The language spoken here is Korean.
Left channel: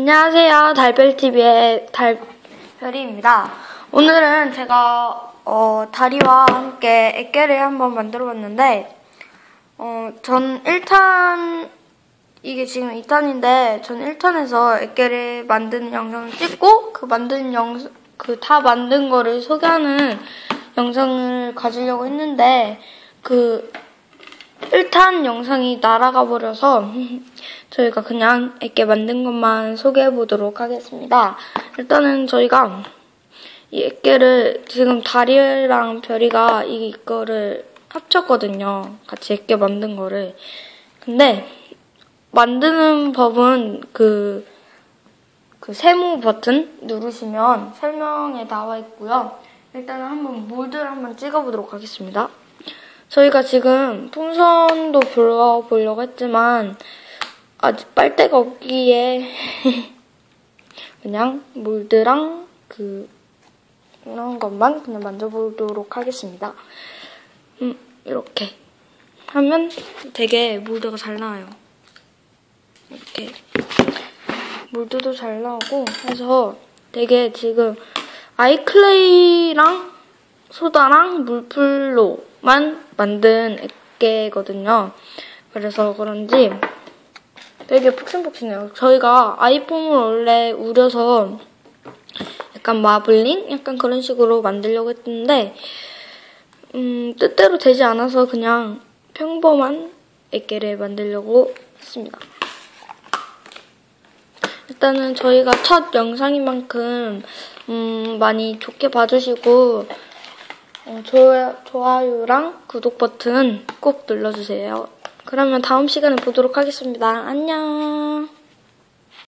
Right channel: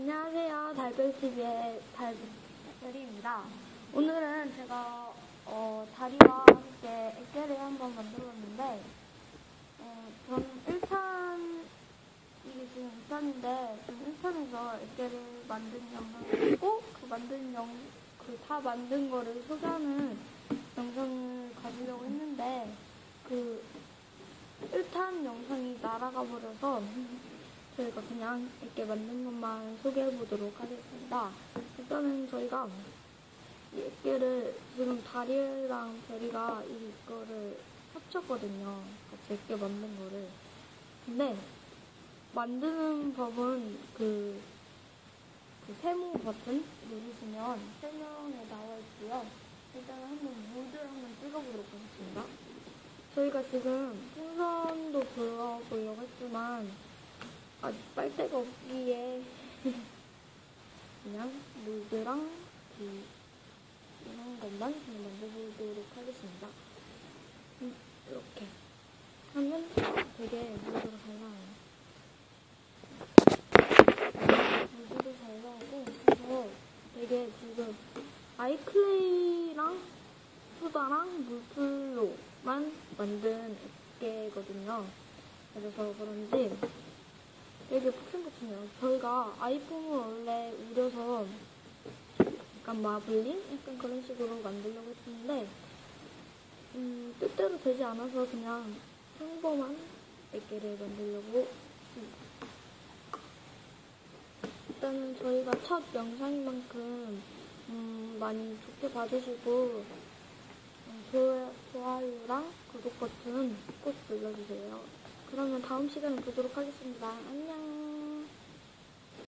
안녕하세요. 달별TV의 달별이입니다. 오늘은 제가 어, 다리와 함께 액계를 한번 만들어 봤는데 어, 전 1탄 이게 지금 2탄인데 전 1탄에서 액계를 만드는 영상을 찍고 그 만든 영상 그 다 만든 거를 소개하는 영상을 가지려고 했는데 그 1탄 영상이 날아가 버려서 저희가 그냥 액게 만든 것만 소개해 보도록 하겠습니다. 일단은 저희가 이 액게를 지금 다리랑 별이가 이거를 합쳤거든요. 같이 액게 만든 거를. 근데 만드는 법은 그, 그 세모 버튼 누르시면 설명에 나와 있고요. 일단은 한번 몰드를 한번 찍어보도록 하겠습니다. 저희가 지금 풍선도 불러보려고 했지만 아직 빨대가 없기에 그냥 몰드랑 그 이런 것만 그냥 만져보도록 하겠습니다. 음 이렇게 하면 되게 몰드가 잘 나와요. 이렇게 몰드도 잘 나오고 해서 되게 지금 아이클레이랑 소다랑 물풀로 만 만든 액계거든요. 그래서 그런지 되게 푹신푹신해요. 저희가 아이폰을 원래 우려서 약간 마블링? 약간 그런 식으로 만들려고 했는데 음, 뜻대로 되지 않아서 그냥 평범한 액계를 만들려고 했습니다. 일단은 저희가 첫 영상인 만큼 음, 많이 좋게 봐주시고 어, 좋아, 좋아요랑 구독 버튼 꼭 눌러주세요. 그러면 다음 시간에 보도록 하겠습니다. 안녕.